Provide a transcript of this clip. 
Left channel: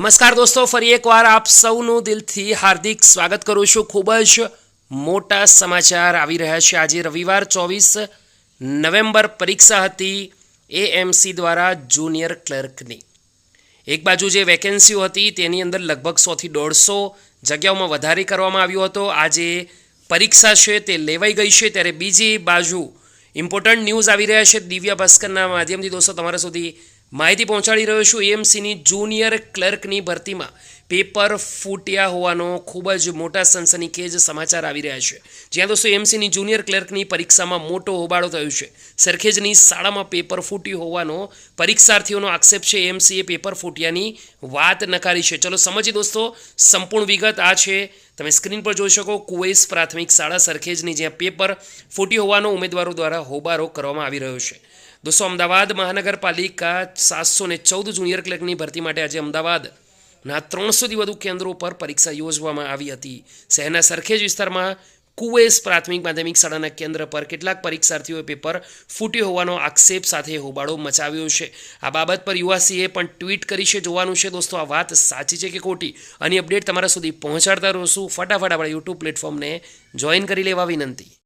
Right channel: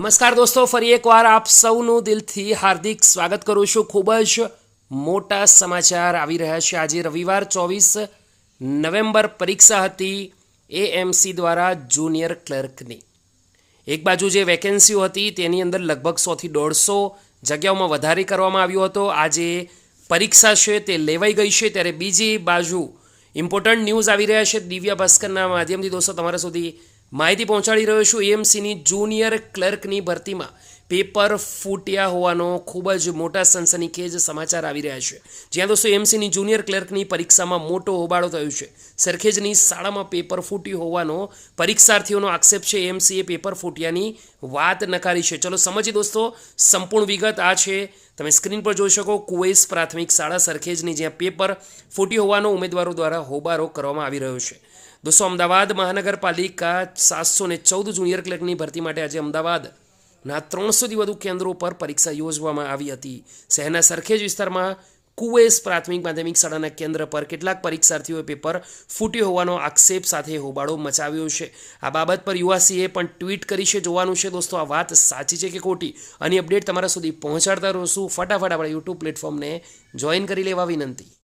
નમસ્કાર દોસ્તો, ફરી એકવાર આપ સૌનું દિલથી હાર્દિક સ્વાગત કરું છું. ખૂબ જ મોટા સમાચાર આવી રહ્યા છે. આજે રવિવાર ચોવીસ નવેમ્બર પરીક્ષા હતી એએમસી દ્વારા જુનિયર ક્લર્કની. એક બાજુ જે વેકેન્સીઓ હતી તેની અંદર લગભગ સોથી દોઢસો જગ્યાઓમાં વધારે કરવામાં આવ્યો હતો. આજે પરીક્ષા છે તે લેવાઈ ગઈ છે. ત્યારે બીજી બાજુ ઇમ્પોર્ટન્ટ ન્યૂઝ આવી રહ્યા છે. દિવ્ય ભાસ્કરના માધ્યમથી દોસ્તો, તમારા સુધી માહિતી પહોંચાડી રહ્યો છું એએમસીની જુનિયર ક્લર્કની ભરતીમાં. પેપર ફૂટ્યા હોવાનો ખૂબ જ મોટા સનસનીખેજ સમાચાર આવી રહ્યા છે. જ્યાં દોસ્તો એમસીની જુનિયર ક્લર્કની પરીક્ષામાં મોટો હોબાળો થયો છે. સરખેજની શાળામાં પેપર ફૂટ્યું હોવાનો પરીક્ષાર્થીઓનો આક્ષેપ છે. એમસીએ પેપર ફૂટ્યાની વાત નકારી છે. ચલો સમજીએ દોસ્તો, સંપૂર્ણ વિગત આ છે. તમે સ્ક્રીન પર જોઈ શકો, કુવૈસ પ્રાથમિક શાળા સરખેજની જ્યાં પેપર ફૂટ્યું હોવાનો ઉમેદવારો દ્વારા હોબાળો કરવામાં આવી રહ્યો છે. દોસ્તો, અમદાવાદ મહાનગરપાલિકા સાતસો ને ચૌદ જુનિયર ક્લર્કની ભરતી માટે આજે અમદાવાદના ત્રણસોથી વધુ કેન્દ્રો પર પરીક્ષા યોજવામાં આવી હતી. શહેરના સરખેજ વિસ્તારમાં કુવેસ પ્રાથમિક માધ્યમિક શાળાના કેન્દ્ર પર કેટલાક પરીક્ષાર્થીઓએ પેપર ફૂટ્યો હોવાનો આક્ષેપ સાથે હોબાળો મચાવ્યો છે. આ બાબત પર યુવાસીએ પણ ટ્વીટ કરી છે, જોવાનું છે દોસ્તો, આ વાત સાચી છે કે ખોટી? આની અપડેટ તમારા સુધી પહોંચાડતા રહીશું. ફટાફટ આપણા યુટ્યુબ પ્લેટફોર્મને જોઈન કરી લેવા વિનંતી.